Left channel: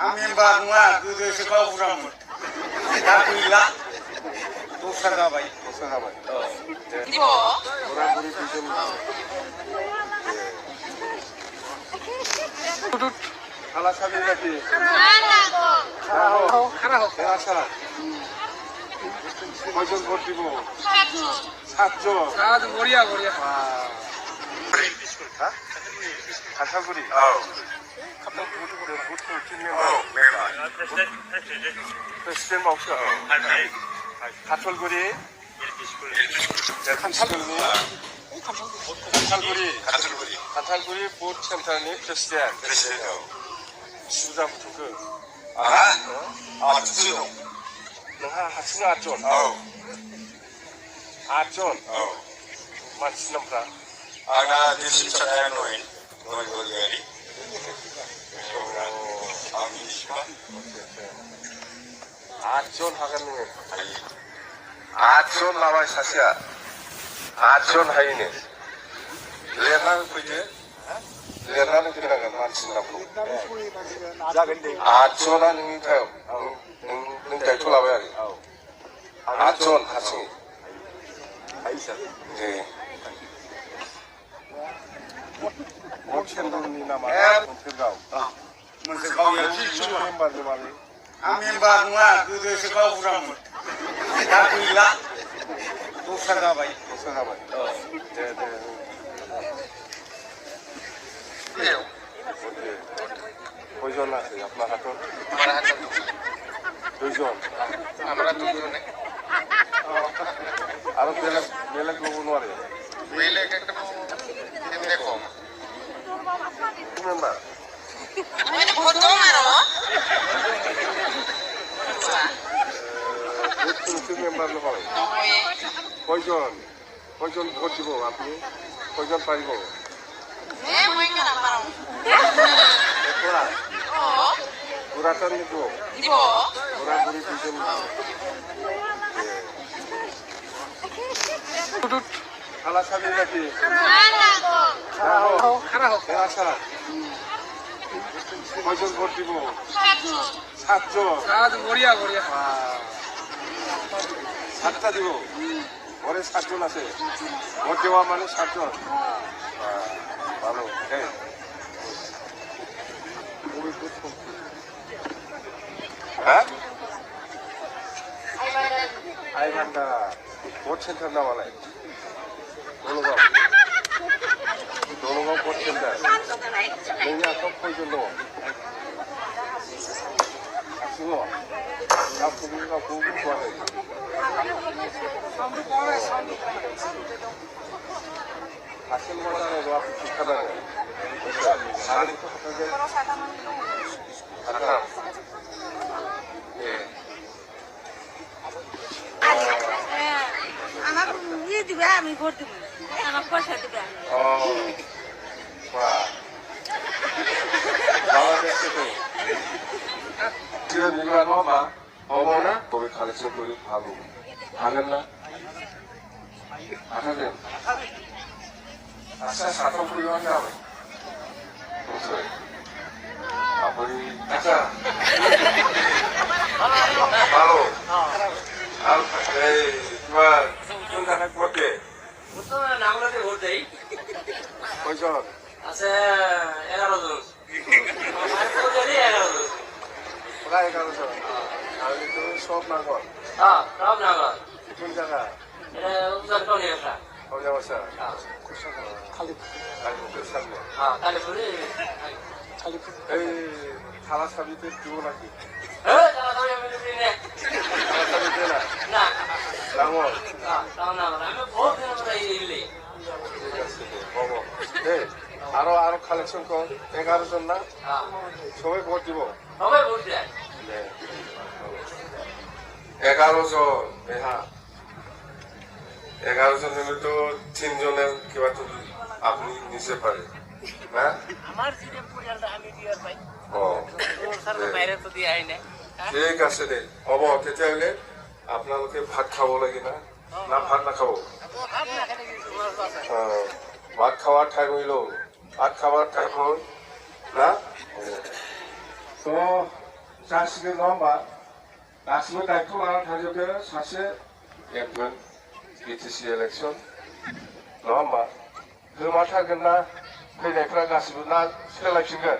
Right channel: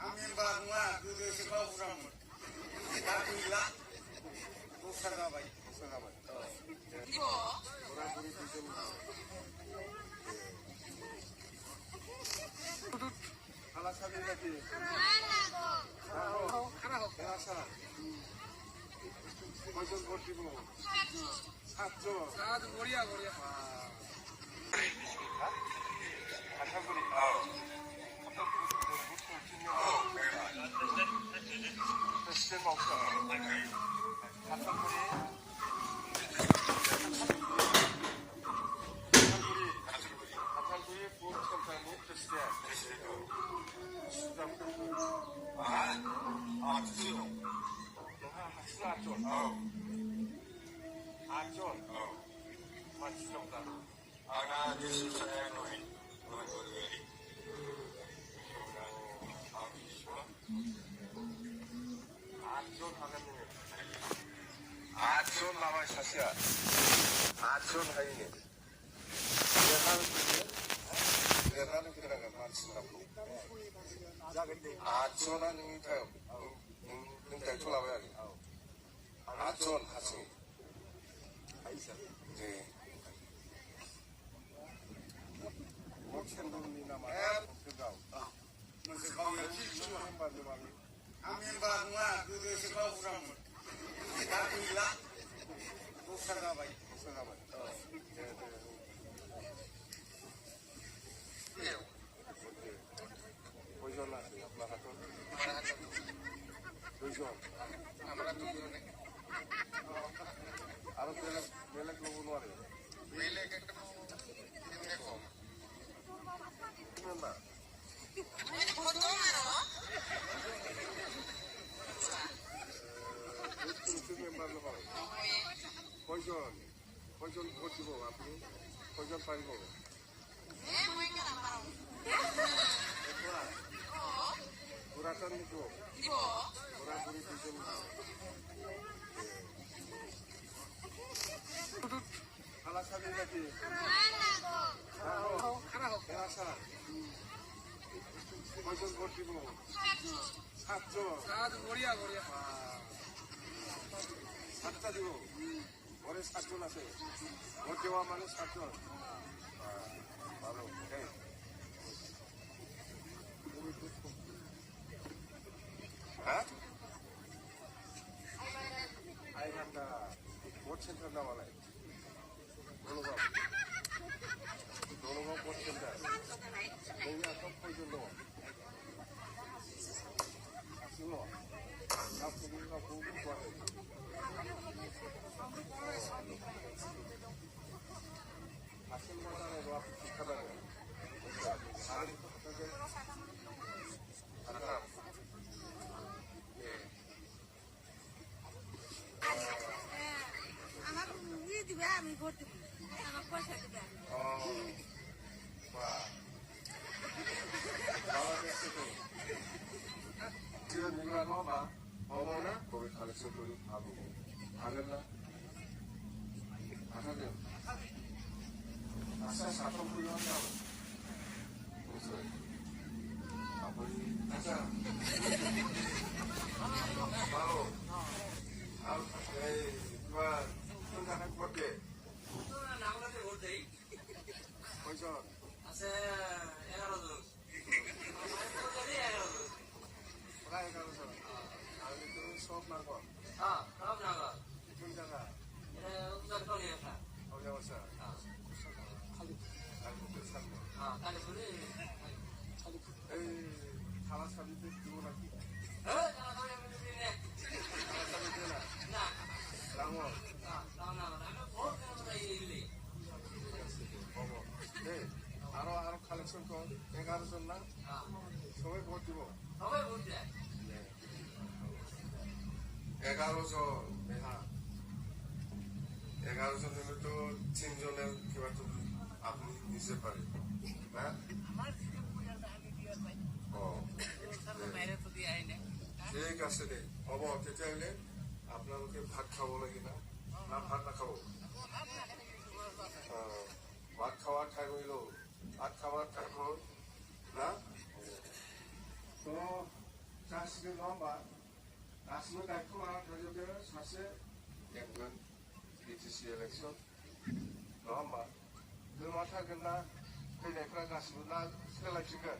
आं मेम्बार नङा गोदोसो गावबुरामोन दा गैला दस्रा जाबाय बुराबुरि दुइजन आलासाबि जाति আচ্ছা কয়জন ভোট দিব? 7জন। বড়িয়া বড়িয়া খাতাগুড়ি প্রেসিডেন্ট মাवसो खाथलगुरि खाथलगुरि बुथ सेन्टारनि प्रेसिडेन्ट सुजा फुथुखो नोंहा हारसिं 8 जन मानसि नामफ्रा आंना दिसिप्लिनआ नय गलियारि आंनि बिसिमा 8 जन हागोन नोङो 8 जन लाबाय सासेया 8 जन हायोनो लिरनानै फैदो लिरनानै फैनांगोन मानसिनि नामखौ जागोन दे 8 जना नोंनि थायाव नों दायथ' लाबाय आरो 8 जन हारसिङै दे भट सेन्टारनि नामा मोनसेगाव मेम्बारनि माबे आं मेम्बार नङा गोदोसो गावबुरामोन दा गैला दस्रा जाबाय दे কয়জন আছে আপনার হাতত? দুইজন আমরা দুজনে আৰু বেলেগ ল'ব নোৱাৰে বেলেগ একটা এমনি কম মেম্বাৰ মেম্বাৰ নহয় কয়জন ভোট দিব আপুনি কয়জন পাৰিব বুঢ়াটান নিব বুঢ়াবুঢ়ী দুজন আলাসাবি জাতি আচ্ছা কয়জন ভোট দিব 7জন বড়িয়া বড়িয়া 7টা দিব ঘরে 7জন আছে ভোট দেওয়া মানে 7জন ভালো হ্যাঁ আইভান্ডা ভোট সেন্টার নামালায় দলগাঁও ভোট সেন্টার नोंनि आखायाव खयजन दङ हारसिङाव गावखौ बुंथ'वाखै हारसिं मा जानांगौ आखौ खिन्थानांगौ सानैखौ हाथारगोन আমাকে ইয়ে দিবে আমি ভোট দিব আমাকে পয়সা দিবে 어머나 거기 가르쳐 보고 하고 하겠나? 하겠네. 아싸 사통 뿌리고 한다고. 무슨? 아버지 아싸. 바로. 에이 그만 순간에 꼴게. 무슨 나무라데 오데이? 거기서 আছে 11 জন মাইকোজারি 11 জন প্রায় 11 জন আর তো সব নাগর হ্যাঁ সব নাগর কোন জায়গা এটা উত্তর কোণিয়া কোন জায়গা খালি কালীপুরের সামনে হ্যাঁ কালীপুরে এই থালা সাবিতে দিব নাকি তারা তো আমি দিই না থালা সাবি দে না না ডাঙর তাও না আমি বহুত দিন ধরে ইলি ঠিক আছে বাবা এই আরো কালেকশন কর 11 জন না হ্যাঁ সবাই ভোট দিব সবাই ভোট দেয় 11 জন হ্যাঁ 11 জন হলে তো 3 জনের কিবা তো আপনি নিতে পারে হ্যাঁ আমার সিরে পরিয়ালটা আমি দিয়ার ভাই ও ওর সাথে বাইরে তো দিয়া হয় না ঠিক আছে দে হ'ব তেতিয়াহ'লে আপোনালোকে ভাত খাব লাগে না না ভাত নাখাব ভাত খাওয়ার টাইম হইল ভাত খাওয়ার টাইম হল না তো जासिगोन नङा होमबा गासिबो दायथ' लानानै थाजोबदो सासे एमगोन बिटिसि इलेक्सन नङा होमबा होमारथारगोन ना फैनायफ्रा गासिबो ना सोलायफिनगोन